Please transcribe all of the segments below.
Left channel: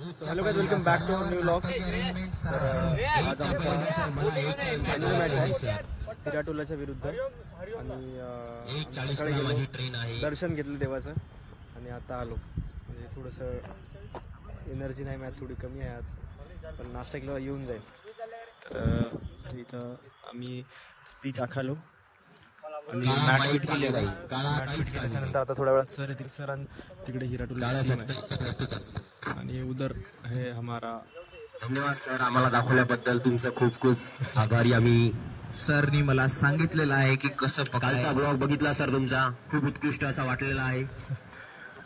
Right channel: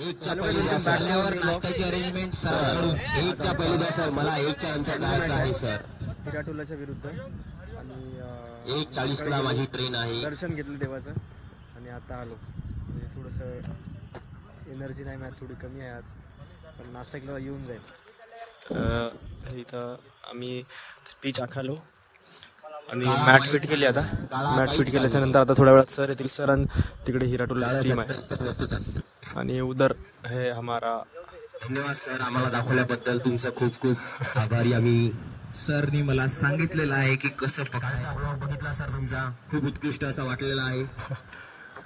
Hello guys, welcome back to new vlog. Final match आहे हिराटोलाच्या विरुद्ध आणि दर्शन घेतलं देवाचं आणि आता आलो. म्हणजे थोडंसं एनर्जी नाही, मॅच थोडी कमी आहे आज, पण नाश्ता केला येऊन जाईल. तर इथं आम्ही पिच आखालो आणि मॅट फिट केली. आता मॅट फिट केल्याच्या नंतर आता थोड्या वेळात सर येतील. सर आणि तिकडे हिराटोला टीम आहे आणि उधर हे हमारा. धन्यवाद सर, आम्हाला दाखवल्याबद्दल तुमचं खूप खूप आभारी आम्ही. सरनी मला सांगितलेलं आहे की कसं पकडायचा. ब्लॉग बघितला सर तुमचा, खूप उत्कृष्ट असा वाटलेला आहे.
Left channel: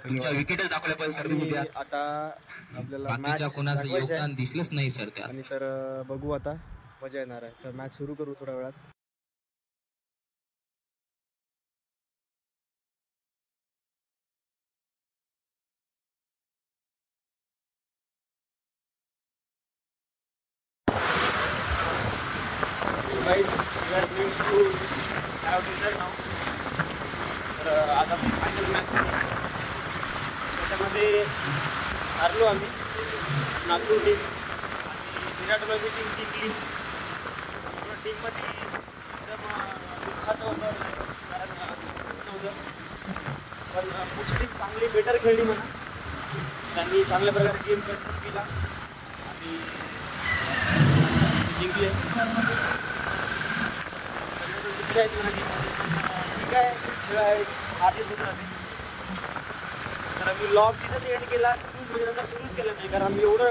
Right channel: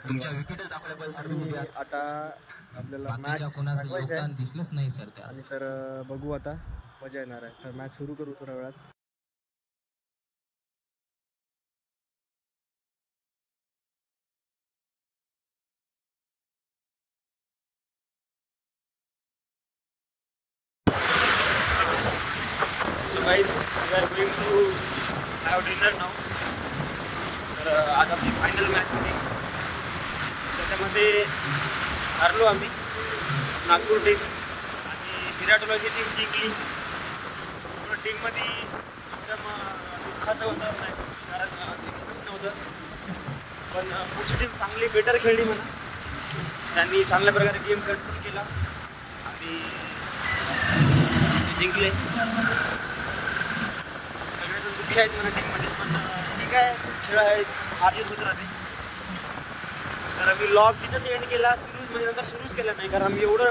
तुमच्या विकेट दाखवल्या पण सर. आता आपल्याला मॅच कोणाचं योगदान दिसलंच नाही सर त्या. आणि तर बघू आता, मजा येणार आहे. तर मॅच सुरू करू थोड्या वेळात. Guys, we are going to have dinner now. तर आज आपली फायनल मॅच झाली, त्याच्यामध्ये हरलो आम्ही. नागपूर टीम आणि विराटोलाची टीम जिंकली. टीममध्ये एकदम दुःखाचं वातावरण आहे, कारण एक्सपेक्ट नव्हतं. पण पुढची टीम चांगली बेटर खेळली म्हणा. त्यांनी चांगल्या प्रकारे गेम कंट्रोल केला आणि जिंकले. दुःखी आहेत म्हणा टीममध्ये, पण ठीक आहे, खेळ आहे, हार जीत होत राहते. तर आम्ही लॉग तिथंच एंड केला. सुरूच म्हणजे नंतर सुरूच केलं नाही, कारण आम्ही एवढं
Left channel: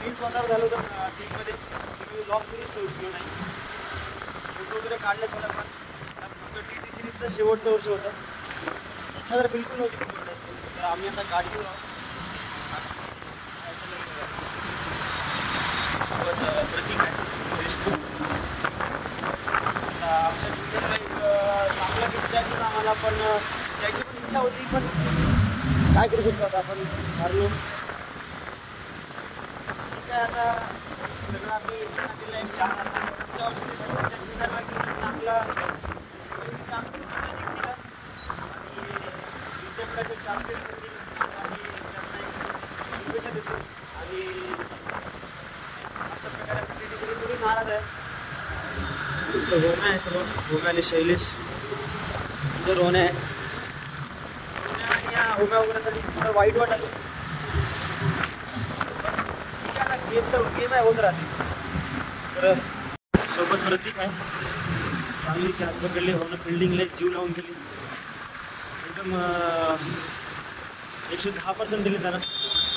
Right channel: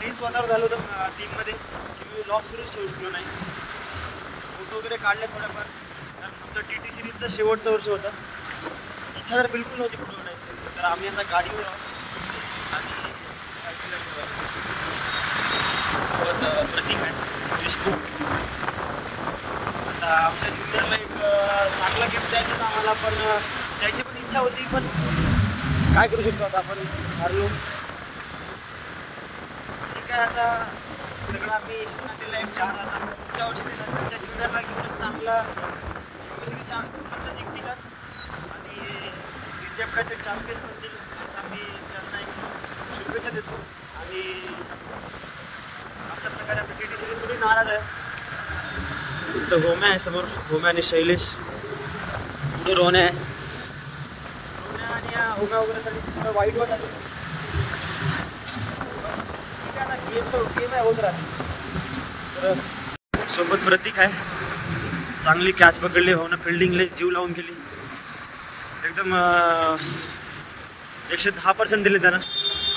टेन्स वातावरण झालं होतं टीममध्ये की मी लॉग सुरूच ठेवलो नाही. फोटो वगैरे काढले थोड्याफार, कारण आमचं TT सिरीजचं शेवटचं वर्ष होतं. इच्छा तर बिलकुल नव्हती फोटो काढायची. तर आम्ही आता गाडीवर आहोत आणि सोबत प्रतीक आहे देशमुख. आमच्या ज्युनियरला एक चांगला गिफ्ट द्यायचं होतं आम्हाला, पण द्यायची पण इच्छा होती, पण काय करू शकतो आता, आपण हारलो. ठीक आहे, आता सगळं आम्ही दिलं एक 4. आता पुढच्या वर्षी ते त्यांच्या ज्युनियरला घेऊन चांगला जिंकतील आणि विद्यापीठाचे चॅम्पियन बनतील असं आम्ही त्यांना एक शुभेच्छा देतो. आणि अशा प्रकारे आपली TT सिरीज थोडी नाराज आहे. तर होम्या आहे समोर, होम्या आणि शैलेश. पुढे रोहने आहे. रोहन्या आणि या होम्या वगैरेसाठी थोडं वाईट वाटत. ठीक आहे, आता गेम आहे, होत राहते. तर सोबत प्रतीक आहे, चांगली कॅच पकडली. होणं फिल्डिंगला जीव लावून केली. एकदम 110% दिले त्यानं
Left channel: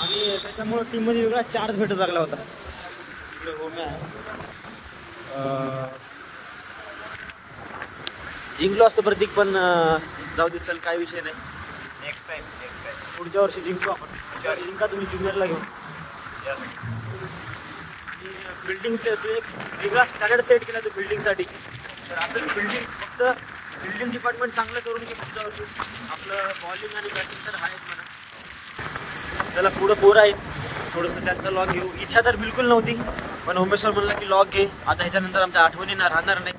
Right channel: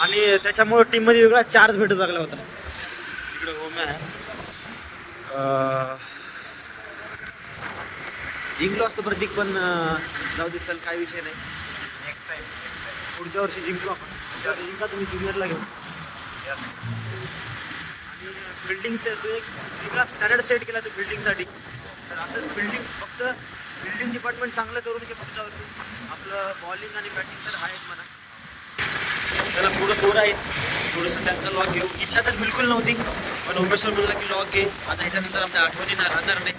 आणि त्याच्यामुळं टीममध्ये वेगळा चार्ज भेटू लागला होता. इकडे होम्या आहे. जिंकलो असतो प्रतीक, पण जाऊ दे, चल, काही विषय नाही. नेक्स्ट टाइम पुढच्या वर्षी जिंकू आपण. पुढच्या वर्षी जिंका तुम्ही ज्युनियरला घेऊन. यस. आणि बिल्डिंग तू एक वेगळा स्टँडर्ड सेट केला तू बिल्डिंगसाठी. तर असंच बिल्डिंग, फक्त बिल्डिंग डिपार्टमेंट चांगलं करून की पुढच्या वर्षी आपलं बॉलिंग आणि बॅटिंग तर आहेच म्हणा. चला पुढं आहेत. थोडंसं त्यांचा लॉक घेऊ. इच्छा तर बिलकुल नव्हती, पण ओमेश्वर म्हणलं की लॉक घे. आता ह्याच्यानंतर आमच्या आठवणी राहणार नाही,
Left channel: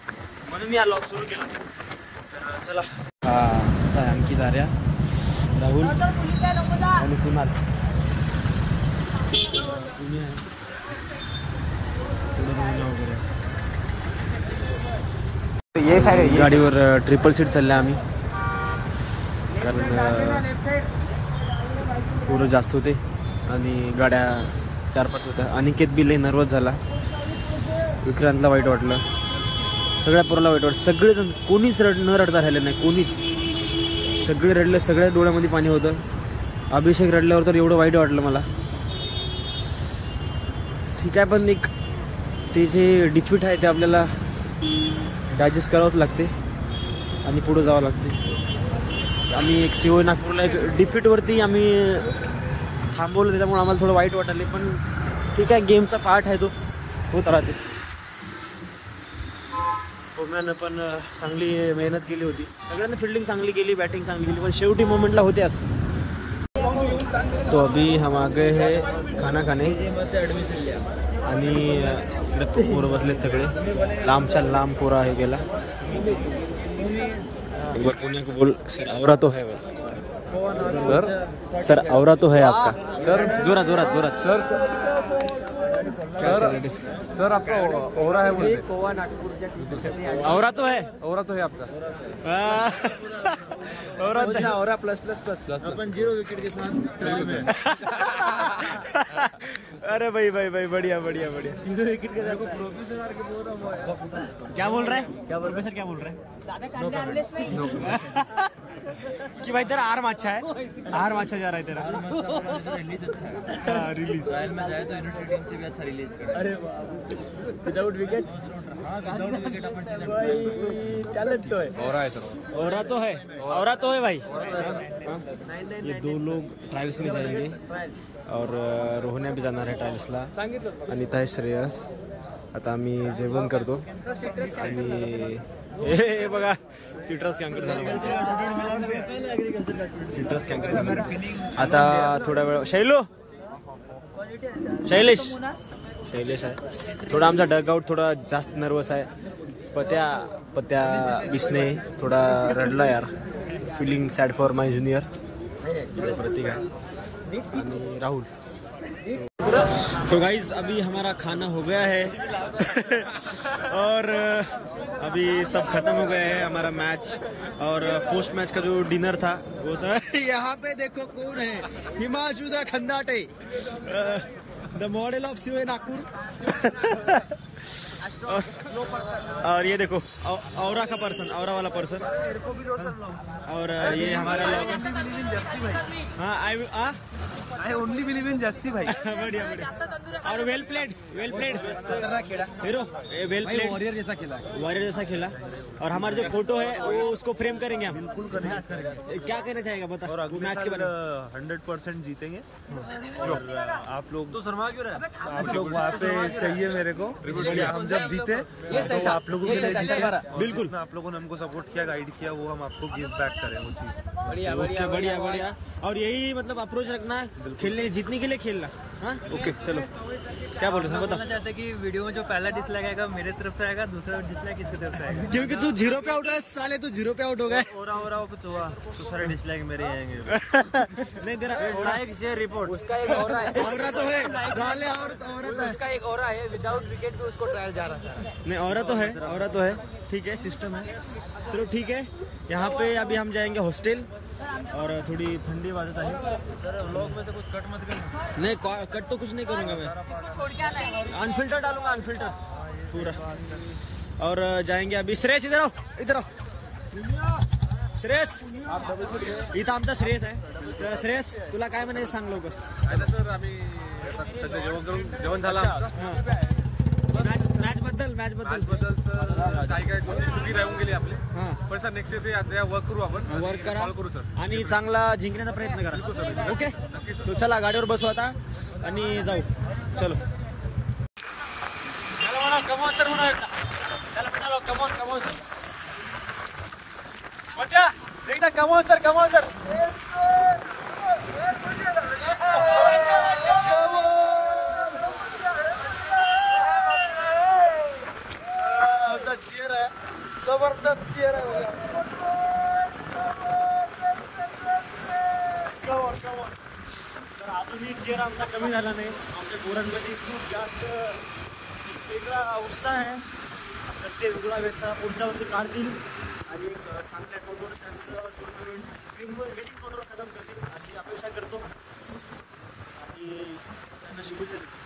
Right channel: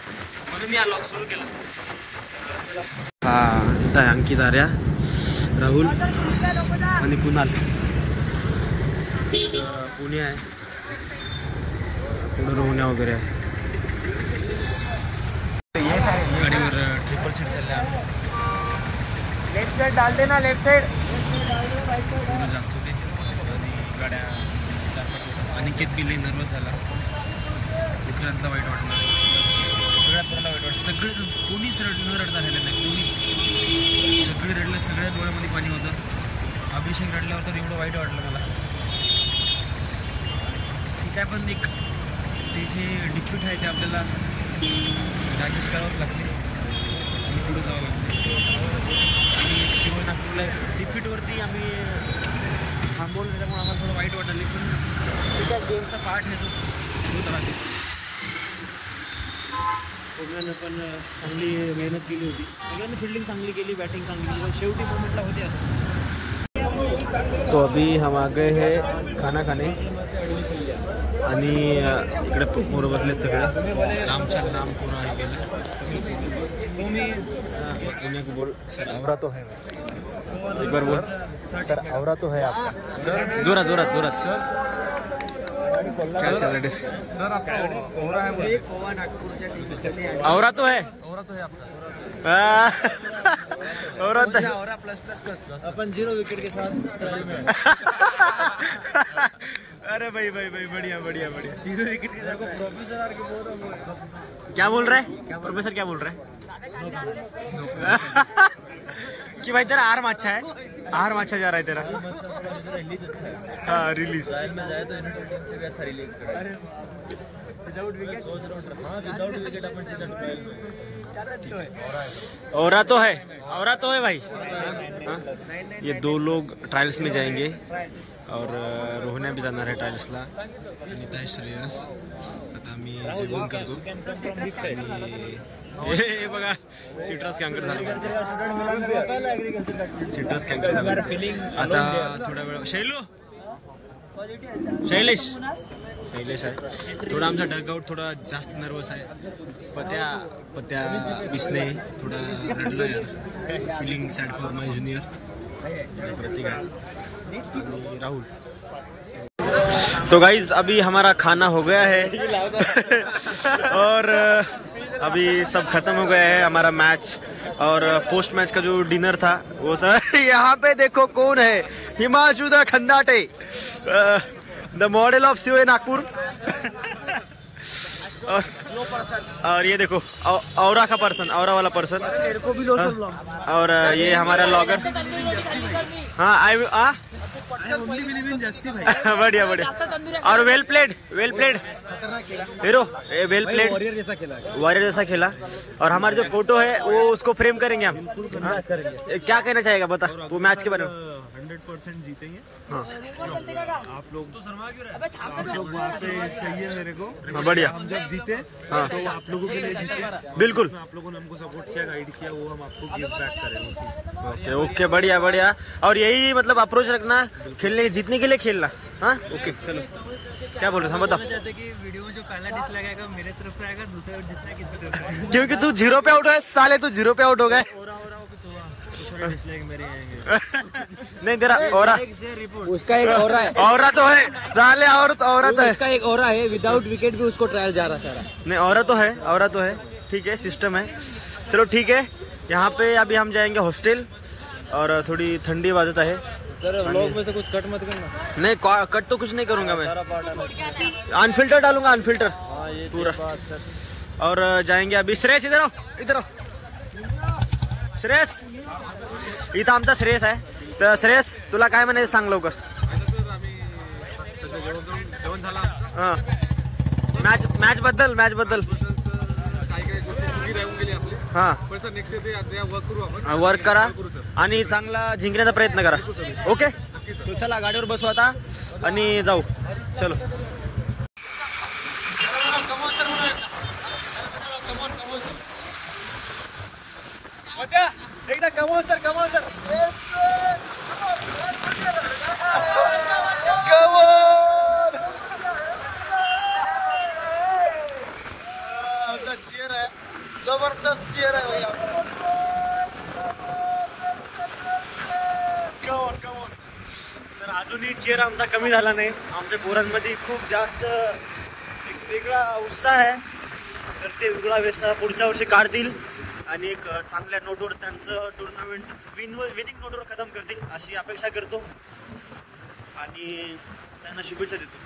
म्हणून मी हा लॉक सुरू केला. चला. हा, इथं आहे अंकित, आर्या, राहुल आणि कुणाल. पुणे आहे, पुढं रोहण्या वगैरे आहे. गाडीवर ट्रिपल सीट चालले आम्ही. पुढं जास्त होते आणि गाड्या 4-5 होत्या. अनिकेत बी लई नर्वस झाला. विक्रांतला वाईट वाटलं, सगळ्या पोराला वाईट वाटलं. सगळेजण, कोणीच न रडता राहिले नाही, कोणीच. सगळे रडले, सगळ्या डोळ्यामध्ये पाणी होतं. अभिषेक रडल्यावर तर एवढं वाईट वाटलं मला. ठीक आहे, पण एक ते जे डिफीट आहे ते आपल्याला डायजेस्ट करावंच लागते आणि पुढं जावं लागते. आम्ही एक COI नागपूरला एक डिफीटवरती आम्ही थांबवलं, त्याच्यामुळे आम्हाला थोडं वाईट वाटले. पण ठीक आहे, गेमचा पार्ट आहे, तो होत राहते. होम्यानं पण चांगली मेहनत केली होती. सगळ्यांनी फिल्डिंग चांगली केली, बॅटिंग चांगली केली, पण शेवटी मोमेंटला होते असं. तो अभी हम आ गए है खाना खाने आणि इकडे पोरं बसले सगळे. लांबच्या लांब पोरं आहे गेला. पुण्या को बोल सर, आवरा तो है एक बार बोल सर, औरा तो है आपका, जोरात जोरात जोरात, क्या चल रहा है सर आपका औरा है, औरा तो है, औरा तो है आपका, औरा तो है, औरा प्लस प्लस प्लस अपन 0 विकेट के साथ ट्रायल में। अरे भाई भाई भाई बढ़िया बढ़िया बढ़िया। 0 विकेट के, मेरे को प्रोफेसर आर के बोल रहा हूँ। क्या बोल रहा है प्रोफेसर, क्या बोल रहा है? No comment. कि भाई तेरा आर्म अच्छा है, आर्म अच्छा जा रहा है तेरा। रिलीज अच्छा है। हाँ रिलीज, ट्रायल में जाए तो यूनिवर्सिटी टीम से भी अच्छा रिलीज करे। अरे विदाउट विकेट सोच रहा हूँ। हाँ विदाउट विकेट अपन सीधा ट्रायल में। टैलेंट तो है, औरा है, औरा तो है, औरा तो है भाई। हाँ? ये 2 लोग ट्रायल्स में जाएंगे और रोहण्या बी जाणार आहे ट्रायल्सला, अनिता आहे, श्रेयस। आता आम्ही जेवण करतो आणि हे बघा सिट्रस कॅन्कर झालं म्हणते, सिट्रस कॅन्कर झालं म्हणते। आता थोडा वेळ शैलेश आहे थोडा, आमचा डगआउट थोडा जास्त नर्वस आहे। पत्या बिसने थोड़ा रडला यार, feeling sad for my junior. Prateek है आणि राहुल। तो गाइज अभी हमारा खाना हो गया है और अभी सब खत्म हो गया है हमारा मैच, और पोस्ट मैच का जो डिनर था वो सर यहाँ पे देखो कौन है, Himanshu the Khandate, the model of COA Nagpur. और ये देखो औरा का पर्सन, औरा वाला पर्सन, और ये हमारा लॉगर। हाँ I only believe in Jassi भाई। बढ़िया बढ़िया, और वेल प्लेड हीरो, वेल प्लेड, वॉरियर जैसा खेला, वॉरियर जैसा खेला। और हमारा जो फोटो है वो उसको फ्रेम करेंगे हम। हाँ? क्या कहना चाहेगा बता वो मैच के बारे में? 100% जीतेंगे। हाँ आप लोग तो शर्मा क्यों रहे? आप लोग वहाँ पे चाहिए मेरे को। हाँ, बढ़िया। हम जब जीते तो आप लोगों के लिए जीते, बिल्कुल। आप लोगों ने हमको सपोर्ट किया, गाइड किया, वो हम आपको गिव बैक करें वो चीज। ओके ओके बढ़िया बढ़िया, और यही मतलब अप्रोच रखना, खेलने जीतने के लिए खेलना। हाँ ओके चलो, क्या बोल रहे हैं बताओ? चाहते कि वीडियो में जो पहला डिसलाइक आएगा मेरे तरफ से आएगा, दूसरा डिसलाइक किसकी तरफ से आएगा? क्योंकि तू 0 पे आउट हो साले, तू 0 पे आउट हो गए। कुछ हुआ तो सारे डिसलाइक मेरे आएंगे। नहीं तेरा औरा, रिपोर्ट उसका एक औरा है, औरा तो है साले, और तो औरा तो है, उसका एक औरा है, विदाउट विकेट भी उसको ट्रायल जा रहा सारा। नहीं औरा तो है, औरा तो है, ठीक है सिस्टम है। चलो ठीक है, यहाँ पे अभी हम जाएंगे हॉस्टल, और थोड़ी ठंडी बाजत है। सर व्लॉग में से कुछ कट मत करना। नहीं कट तो कुछ नहीं करूंगा मैं, अनफिल्टर डालूंगा, अनफिल्टर पूरा। और जाएंगे अभी। श्रेयस इधर आओ, इधर आओ श्रेयस, इथं आमचा श्रेयस आहे। तर श्रेयस तुला काय म्हणायचं सांग लवकर। जेवण झाला। हां मॅच बद्दल काय काय गोष्टी चुकी राहून गेली आपली। हां पण सर नेक्स्ट डे वर्क करू आपण, वर्क करा आणि चांगला जिंकण्याचा प्रयत्न करा। ओके तो चला गाडीवर बसू आता आणि जाऊ, चलो। कमॉन सर, कमॉन एकदा कमॉन सर, कमॉन सर, आमचा चेअर आहे, जबरदस्त चेअर आहे भैया। कमॉन तर अजूनही चेअर आमचा कमी झाला नाही। आमच्या पोरांमध्ये खूप जास्त एक वेगळा उत्साह आहे, तर ते वेगळा वेसा पुढच्या वर्षी काढतील आणि एक चांगल्या नोटवर त्यांचं टुर्नामेंट विनिंग नोटवर खतम करतील अशी अपेक्षा करतो आणि त्यांना शुभेच्छा देतो।